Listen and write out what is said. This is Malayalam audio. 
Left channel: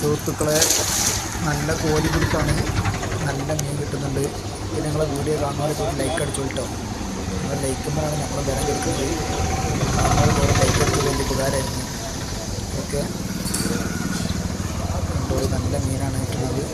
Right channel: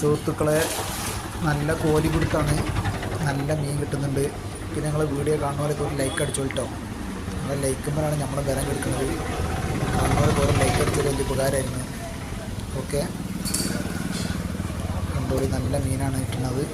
സുഹൃത്തുക്കളെ, നല്ല കോലി പിടുത്താണ്, നല്ല മീൻ കിട്ടുന്നുണ്ട്. പിന്നെ നിങ്ങൾ വീഡിയോ കാണുന്നവരൊക്കെ ഒരു ലൈക്ക് അടിച്ചോട്ടോ. നിങ്ങൾ ലൈക്കുമ്പോഴാണ് നമ്മൾ ബലം കെടുക്കുന്നത്. കാണുന്നവരൊക്കെ ഒരു ലൈക്ക് അടിച്ചത് വലിയ ഉപകാരമായിരുന്നു. ഓക്കെ, കണ്ടോളി, നല്ല മീനാണ് കിട്ടുന്നത്.